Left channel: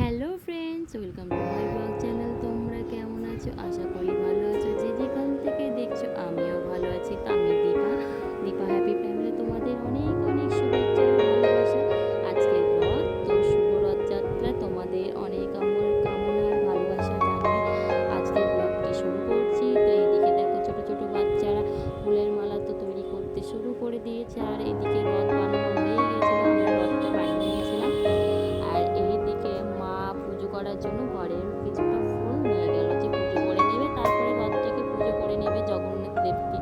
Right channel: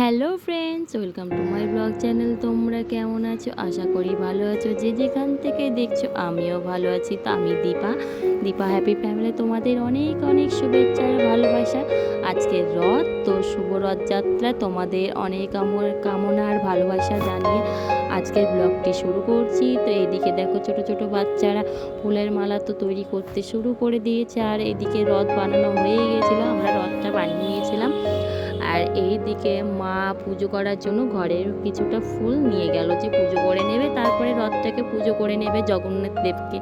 Hello friends welcome to my blog channel তোমরা কেমন আছো? আশা করি ভালো আছো। যে যেখান থেকে দেখছ, আমিও ভালো আছি। তো আমি দীপা। দীপা হ্যাপি ফ্যামিলি তোমাদের অনেক অনেক শুভেচ্ছা আর ভালোবাসা। আজকের রথ, তো শুভ রথযাত্রা। তোমাদের অনেক আমার কামনা আর ভালোবাসা জানিয়ে আজকের ব্লগটি শুরু করছি। তো এদিকে দেখো, ছোট ছোট বাচ্চারা ফুলের মালা তো তৈরি করতে শুরু করে দিয়েছে। আর এদিকে রথ বানানো হয়ে গিয়েছিল আমরা রথটা বানিয়ে নিয়েছিলাম আর এই দিকে মা পুজো করার জন্য ঘরের কিছুটা ফুল নিয়ে গেল যে পুজো করে নেবে। তারপরে রথটাকে পুজো করে নেবে জগন্নাথ দেবকে।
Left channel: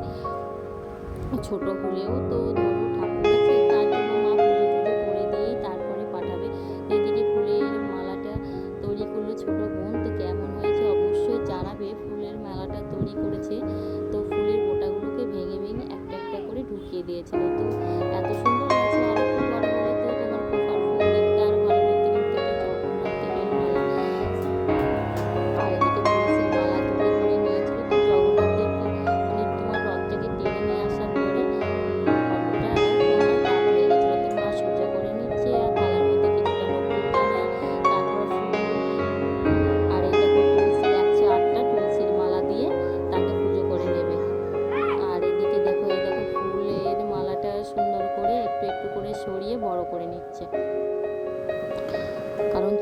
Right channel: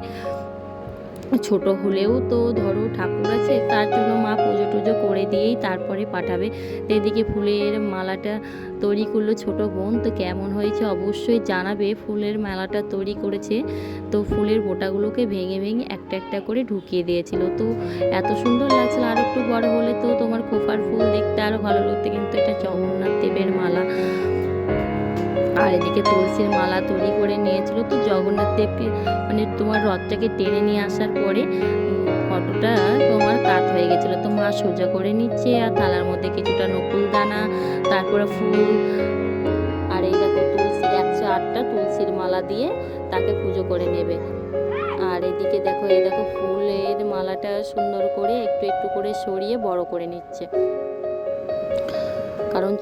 ছোট হলেও তো ধরো ঠাকুর আছে, তার জন্য মা পুজো টুজো করে দিয়েই তারপরে পাঠাবে। এদিকে ফুলের মালাটা তৈরি করল ছোট বোন, তো কেমন হয়েছে অবশ্যই জানাবে। ফুলের মালাটা তৈরি করেছে, তো ফুলের বোটাগুলোকে ভেঙে ভেঙে একটা একটা করে ঢুকিয়ে দিয়েছিল। তো এত সুন্দর লাগছিল আর একটু বড় হলে তো তোমার খোপার ফুল দেখতে আরও ভালো লাগতো, কিন্তু এটা জগন্নাথ দেবের মালা। আর এদিকে তুলসীর মালা তৈরি করে নিয়েছিল। তো জগন্নাথ দেবকে মানে তোমার রথটাকে টেনে নিয়ে আসার পরে ফটোটা তোমার কাত হয়ে গেছিল। তো মা সোজা করে নিচ্ছে আর থালার মধ্যে কিছুটা নকুল দানা, তারপরে ফুল, আর এই দেখো তুলসী, একশো আটটা তুলসীর মালা দিয়ে তাকে পুজো করে নেবে। আর এদিকে দেখো, এই দেখো ফুলের মালাটা সুন্দর করে একটু একটু করে সরিয়ে বড় করে নিচ্ছে। কারণ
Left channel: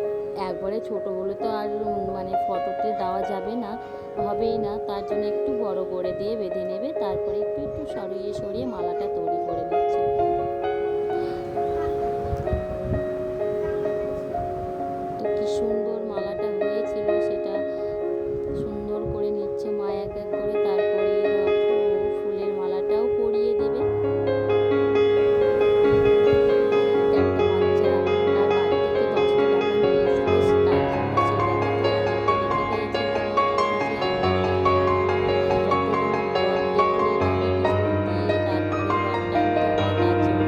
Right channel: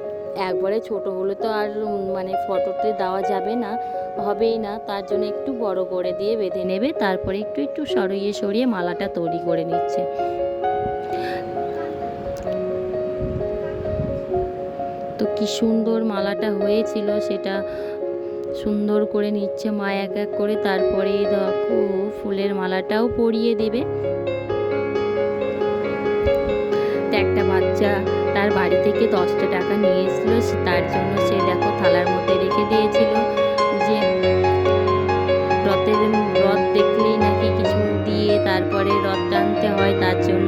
একবারে ছোট হলে তো আর মানে ফটোতে দেওয়া যাবে না, হবেই না। তার জন্য একটু বড় করে দিয়ে বেঁধে নেবে, তারপরে একটু একটু সরিয়ে সরিয়ে মালাটা তৈরি করে নিচ্ছে। তো কি সুন্দর মালাটা হয়েছিল, সেটা সুন্দর করে নিচ্ছে মা এক এক করে। তারপরে দেখো, ফুলের মালাটাও পরিয়ে দেবে। একটা বাচ্চা তার বাড়ি থেকে দশটা টাকা নিয়ে এসেছিল। তার জন্য সে দেখো থালার মধ্যে রেখে দিয়েছিল। যে রথের রথ দেখলে নাকি কিছু দিয়ে তারপরে রথ টানতে হয়, তার জন্য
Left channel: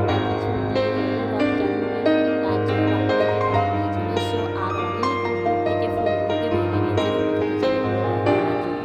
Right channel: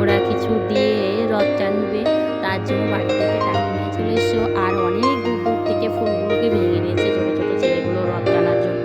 ওরা কিছু দিয়ে রথ টানবে। তার জন্য বাড়ি থেকে টাকা নিয়ে চলে এসছো আর অনেক দূর দূর থেকে ফুলগুলোকে ভেঙে নিয়েছে ছোটো ছোটো ছেলেগুলো রথ টানার জন্য।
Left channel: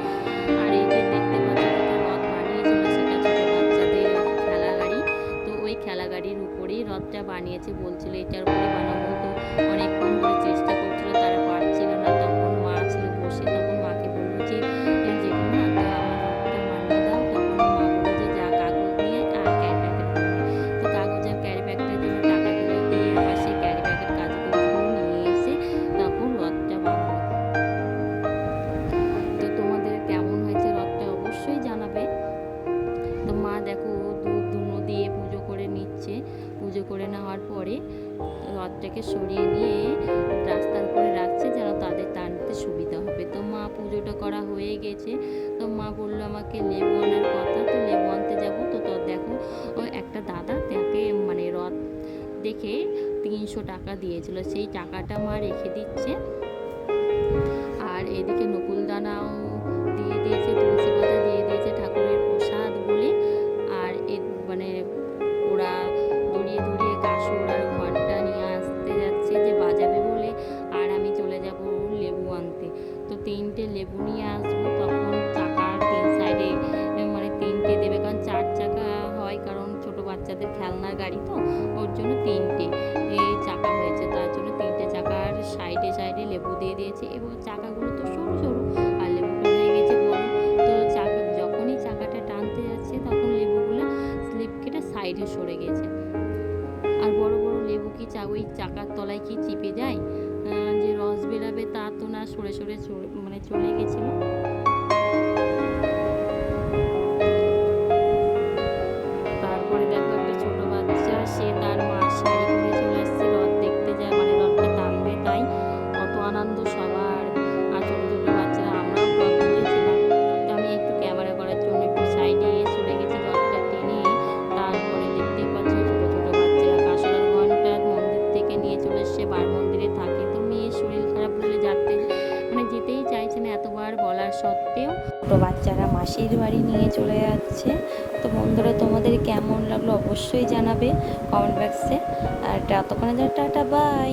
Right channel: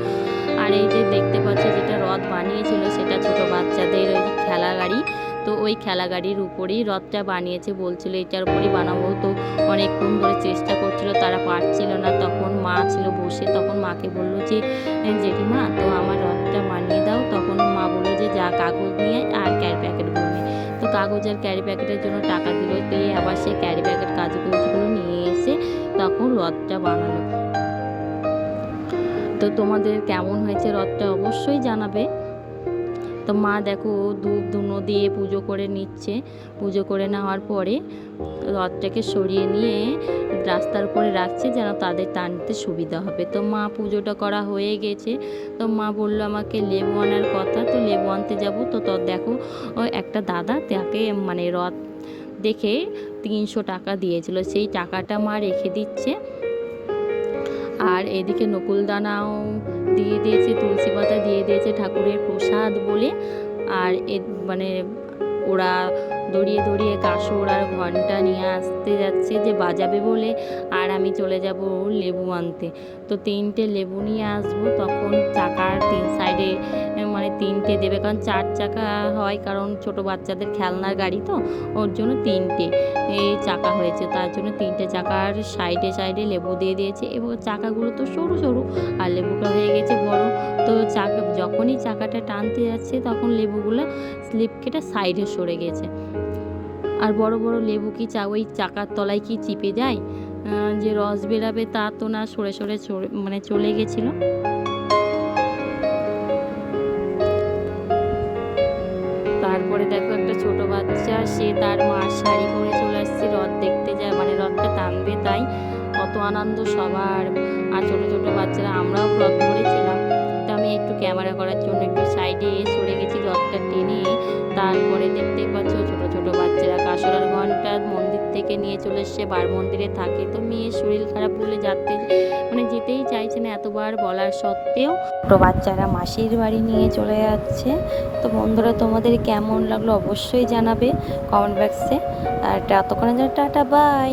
আর এই যে দেখতে পাচ্ছ যেটা রথ বানিয়েছিল, সেটা ছোটো বাচ্চাদের খেলা গাড়ি তো ওই খেলা গাড়ির উপরেই রথটা বানিয়েছে বলছিল এটার উপরেই বানাবো। তো অনেকক্ষণ ধরে চেষ্টা করছিল তারা পারছিল না। তখন মা ছিল বসে তখন মাকে বলল যে "এ, জেঠিমা তো আমার রথটা বানিয়ে দাও। তখন মা বলল যে যা কাগজ নিয়ে আর ক্যারি প্যাকেটগুলো নিয়ে তো কাগজ আর ক্যারি প্যাকেটের জন্য টাকা দিল দিয়ে আবার সেই ক্যারি প্যাকেট কাজগুলো নিয়ে এসে তখন রথটা বানালো। তো তোমাদের কেমন হয়েছে রথটা অবশ্যই জানাবে। তো মা দেখো ধূপ ধুনো দিয়ে পুজো করে নিচ্ছে। পুজো করে নেওয়ার পরে রথটাকে সরিয়ে নিয়ে রাস্তার উপরে রাখছে যেন তাদের টানতে সুবিধা হবে। তো মা পুজোটা করা হয়ে গেছে। তো মা বলল আমাকে লেবু আনার কথা। তো লেবু আনতে যাব। তো তো দেখো, ও একটা দাদা তাকে মানে রথ দেখে তিনশো টাকা দিয়েছিল। সেই টাকাটা মা রেখে দিচ্ছে। আর এদিকে নকুলদানাও দিয়ে দিয়েছে, তুলসী পাতা দিয়ে দিয়েছে ঠাকুরের প্রসাদ বলে। আর এ মানে ওরা দড়িয়ে দড়িয়ে কাসর আর ঘণ্টা নিয়ে আসতে যাচ্ছে যে বাজাবে বলে, আর আমি চলে যাব লেবু আনতে। তো তিনটে লেবু নিয়ে আসব, তখন চাকার তিন সাইডে মানে তিনটে দেবে। কারণ চার চাকা হয়, কারণ ছোট বাচ্চাদের খেলনার গাড়ি তো, ওর জন্য তিনটে এই চাকা হয়েছে। তার জন্য তিনটে চাকার সাইডে সাইডে লেবু দিয়ে দিয়েছে। এবং চাকাগুলো তো সরু সরু, আর লেবুটা হয়ে গেছে বড়। তো চাকা, যখনই চাকাটা টানতে যাচ্ছে, তখন লেবুগুলো স্লিপ কেটে সাইডে সরে গেছে। আর বড় বড় লেবু কি চা, ওই চাকার তলায় কি চিপে যায়? যে রস বেরাবে তা তো না সরে সরে মানে চলে গেছিল। তারপরে দেখো একটা ছোট বাচ্চা, সে তার মার শাড়ি পরে চলে আসছে, রথ দেখতে যায় মানে রথটা টানবে তাই। অত আনন্দ সবার। আর ছোট ছোট বাচ্চারা থেকে নিয়ে চলে এসছে, বার মন্দিরে থাকে। তো মেয়ের শরীর খারাপ বলে যাতে মানে যেতেই চাইছে না এতবার বলার সত্ত্বেও। ছোটো বাচ্চারা মাসির বাড়ি নিয়ে চলে যাচ্ছে। তো বন্ধুরা, তোমাদের কেমন লাগল অবশ্যই জানাবে কমেন্ট বক্সে। আর ততক্ষণে টাটা, বাই।